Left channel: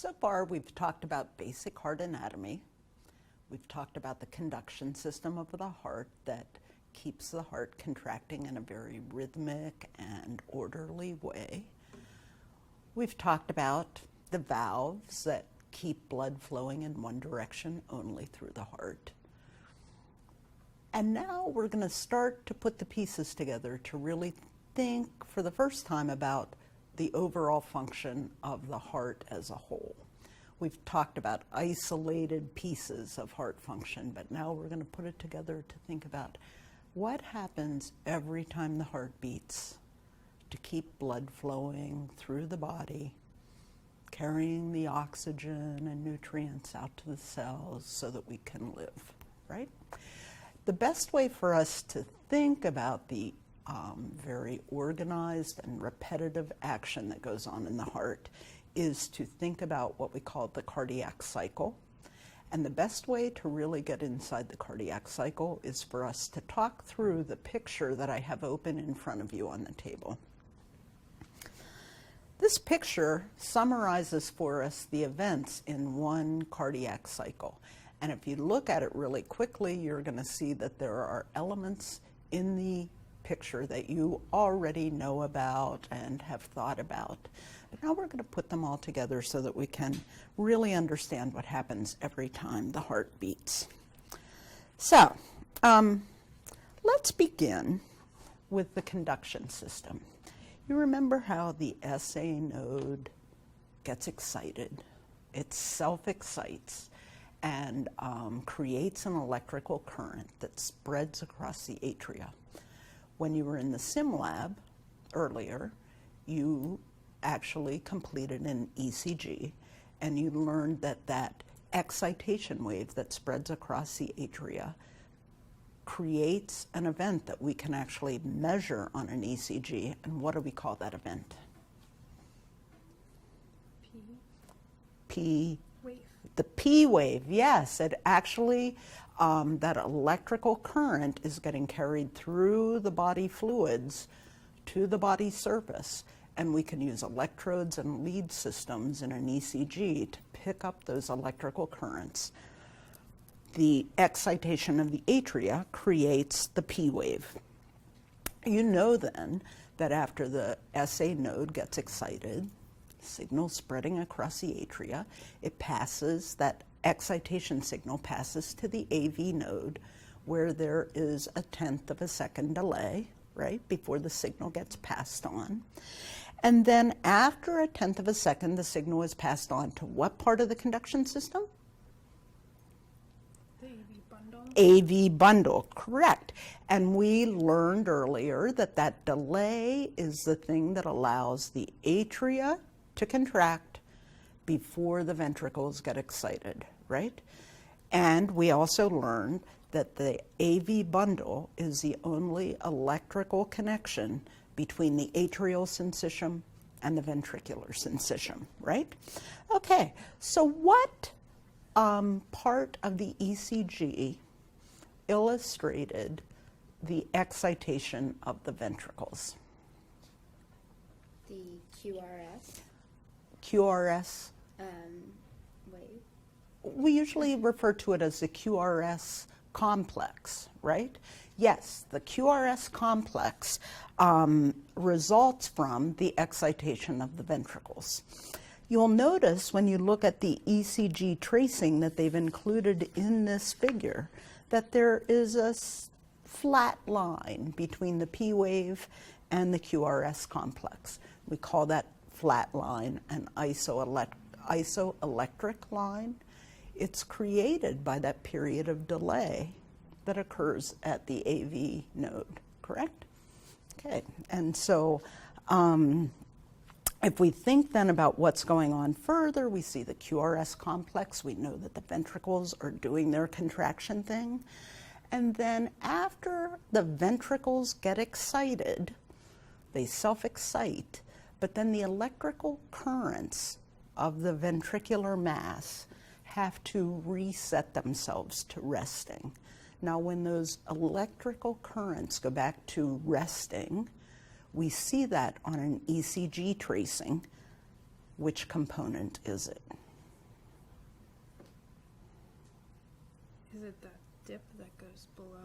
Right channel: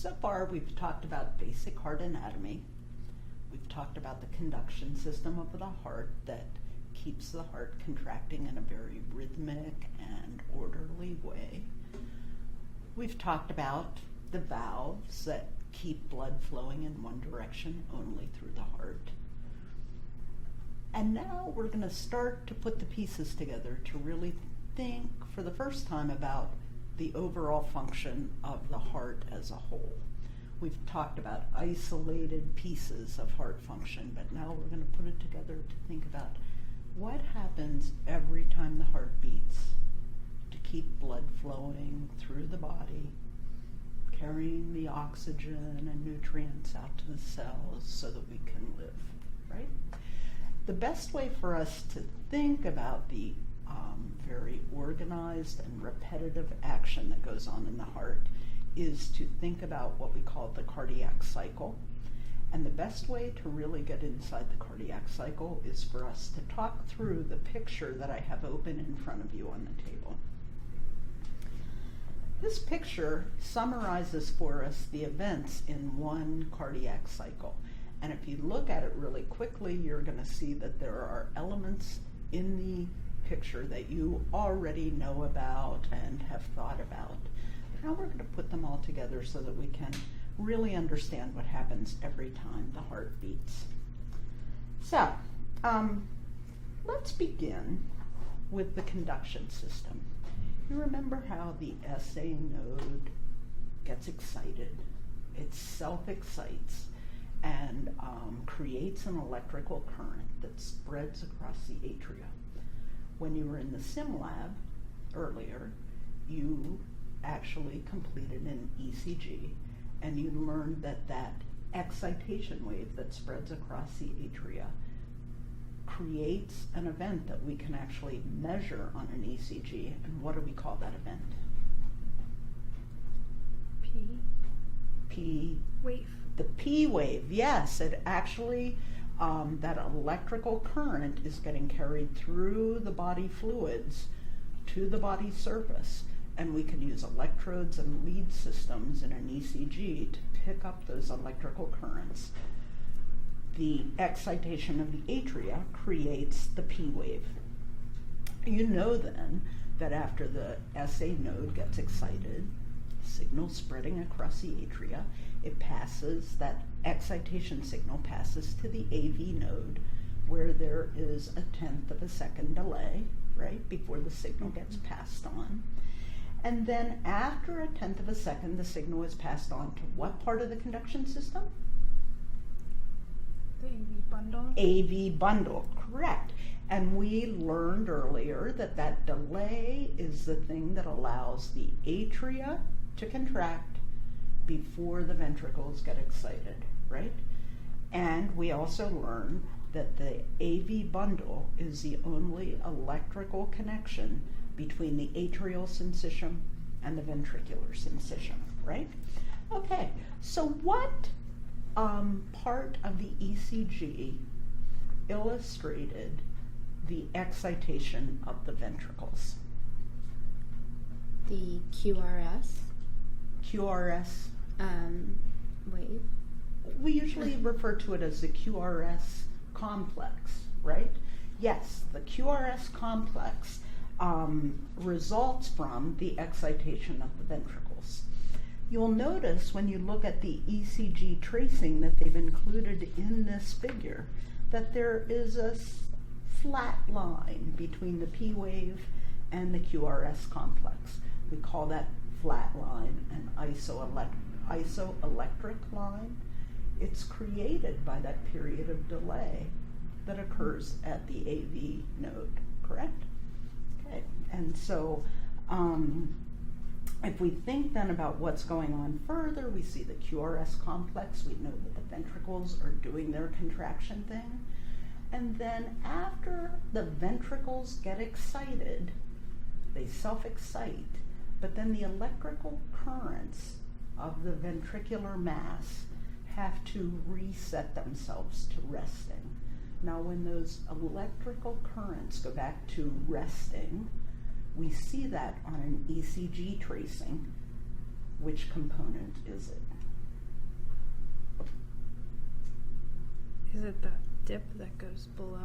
So far, we've talked about basic heart anatomy. We've talked about the conduction system of the heart that keeps the heart contracting in a very rhythmic and orderly way. We've talked about the valves that keep blood flowing in one direction only through the heart. And now we're going to start to put the pieces together to really think for the first time about the overall function of the heart as a whole. We've talked about isolated pieces of heart function, but now we're going to put it together to think about what happens every time the heart beats to keep blood flowing through the body, carrying the oxygen and nutrients out to the cells so that we can live, right? The best way for us to think about the very organized and repetitive action that goes on in the heart is to think about what we call the cardiac cycle. And the best way to really get inside the cardiac cycle is for us to talk through the picture that I have open in front of you on the table. This picture summarizes for us the events in one cardiac cycle. And if you look at it really quickly, you're going to see that there are elements in the picture that you already know about and have thought about. But now we're going to put them all together so that we can really understand what happens every time the heart beats. So, let's begin with the conduction system. You remember how the SA node gets excited. It self-excites and creates an electrical current that spreads across the atria. When you were in the sim lab earlier, you actually completed an ECG and you learned that that excitation wave that spreads across the atria creates an event that we can actually measure on an ECG. And what do we call that event? P wave. The P wave, yes. It actually, that electrical current is getting carried through the body fluids to the body surface. And we can use electrodes and lead systems in an ECG to pick up those electrical currents. The excitation of the atria creates the P wave. You know then that after the SA node gets excited, signal spreading across the atria, it passes, that excitation signal passes to the AV node where there is a 1/10 of a second delay, right, before the signal gets passed on. And then after a 1/10 of a second, the signal is passed on to what part of the conduction system? The AV bundle. AV bundle, correct. And we learned earlier that that delay is the thing that allows the atria to contract before the ventricles get excited, right? And we also learned that the AV bundle is the only electrical connection between the atrial syncytium and the ventricular syncytium, right? Okay, so what part of the ECG illustrated the excitation of the ventricles? The QRS. QRS? Wave. We usually refer to it as the QRS complex, right? Yes, the QRS complex results from the excitation of the ventricles. You'll notice when you look at the ECG tracing that they've included in this figure that there is a flat line between the P wave and the QRS complex. We call that flat line an isoelectric line. It's created by that period of delay that occurs at the AV node, correct? Okay, and so if we think then about what's going on further, we see the QRS complex, we know that the ventricles are doing their contraction thing, and then after the ventricles get excited, they self-excite, but then the electrical currents of the ventricular mass have to reset themselves to resting. Now, when those electrical currents go back to resting, we see that on an ECG tracing. Which component is it? Is it that dip that goes below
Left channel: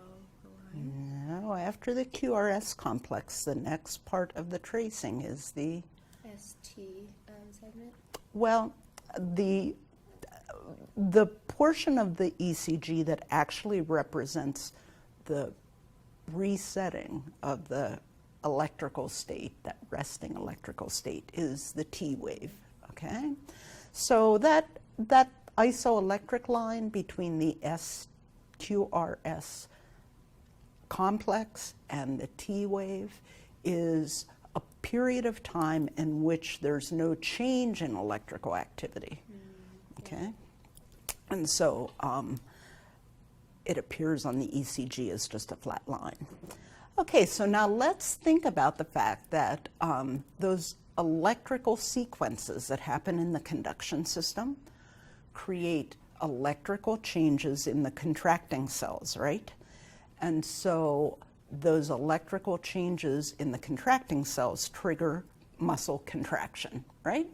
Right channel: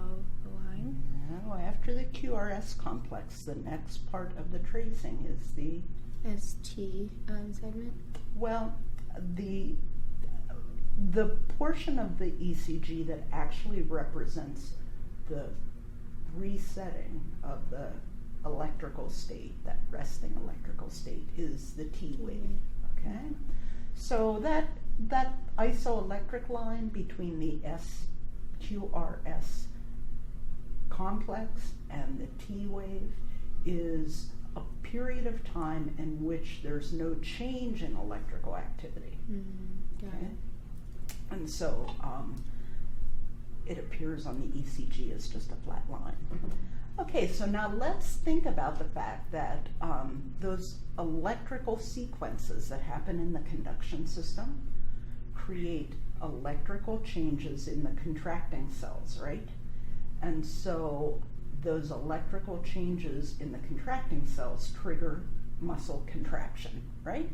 the line? No, after the QRS complex, the next part of the tracing is the, ST segment. well, the portion of the ECG that actually represents the resetting of the electrical state, that resting electrical state, is the T wave, okay? So that isoelectric line between the SQRS complex and the T wave is a period of time in which there's no change in electrical activity, okay? And so it appears on the ECG as just a flat line. Okay, so now let's think about the fact that those electrical sequences that happen in the conduction system create electrical changes in the contracting cells, right? And so those electrical changes in the contracting cells trigger muscle contraction, right?